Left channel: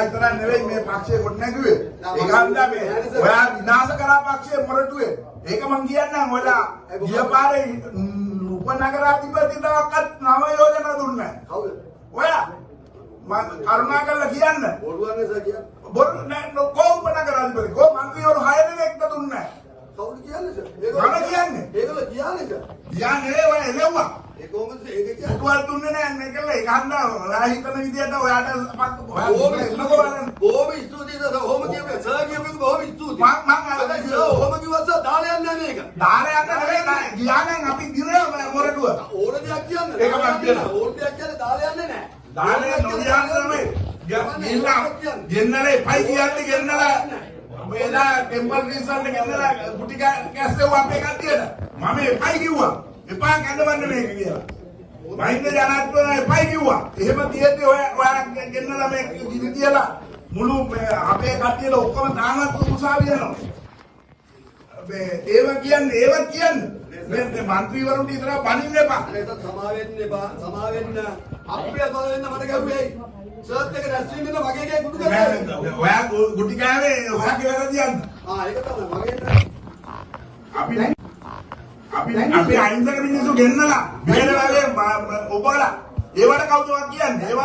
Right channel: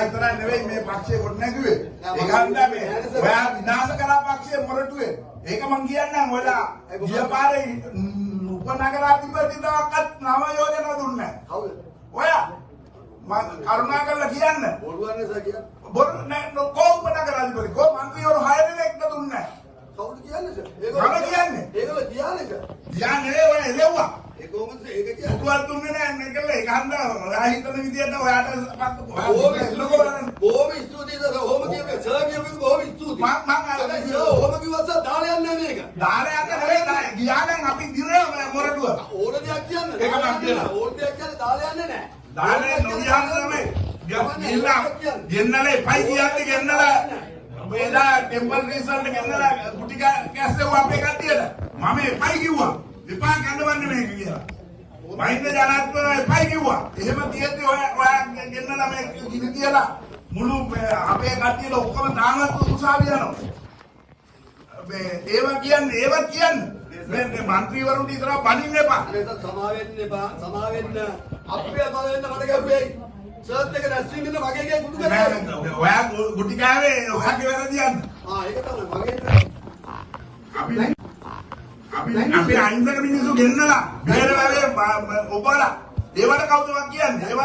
ඔයා ඉතරක් නෙවෙයි මේ පක්ෂේ කොට නැගුවේ. ඒක හන්දා මේ ඔයා විනාශ කරා පක්ෂේ මොරටුවේ. ඒක මං කියන්නම් ඔයාලා ගියපාරේ උපනගරාධිපතිවරයෙක්වත් නම යෝජනා දුන්නේ නැහැ. කවුද? ඔයා කරුණාකරලා කියන්න. බොරුවන්නේ කියන්න. බොරු නෑ කොහොම උපනගරාධිපති කොහොම මන්ත්‍රීවරු 6 දෙනෙක්ද දුන්නේ නැහැ. කවුද කියන්නේ? මම කියන්නේ. ඒකද කියන්නේ. කියන්නේ ඔය එළවුවා. ඒ කොහොමද ඒක කියන්නේ? කොහොමද දුන්නේ නැහැ නේ කියලා ඒක හන්දා ඔයා හිතන විදියට ඔයාට බොහොම ස්තුතියි ඔහොම කියපේ සර් කියපේ බොහොම ස්තුතියි. මම ඔහොම කිව්වස දාලා යන්නේ නැහැ මේක. දාලා යන්න නෙවෙයි නෑ. ගියානම් අපි දිරේ මොරටුව. ඕන දෙයක් කියන්න. ඒක මම කියනවා. ඕන දෙයක් කියන්නේ දාලා යන්නේ නැහැ. දාලා නොදියාන නෙවෙයි. ගෙන්නලා එපයි කියන්නේ ගෙන්නලා මේලා ටෙම්පල් රිසල්ට් ගෙන්නලා කුටි කැස්සෙව අපේ කට්ටියට මම එපයි කිව්වා. එපා කැඳවන්න මේක කියලා. මහින්ද ජනාධිපතිතුමා එපයි කිව්වා. එහෙම තියෙද්දි ඔයා ගෙන්නලා මේ කිවි කියලා මුළු අපේ කට්ටියට ඔක්කොම දානත් උසාවිය යනවා. ඒව කියන්නේ මේ മന്ത്രിවරුන්ට විතර බණින්න එපා. ඒක සමා වෙන්න එපා. සමා වෙන්න අපිට සමා වෙන්න මට ගැව්වේ. සර්ත් එක රැස්වීමෙන් වගේ එකයි කුඩු කරන්නේ. ඔයා ගුටි කාවේ ඔයාගේ වැරදි යන්න. ඒක තමයි මගේ අපි අහිංසක මිනිස්සු ගෙන්නලා බේරලා ඔබලා ඒවට කවුද කියන්නේ?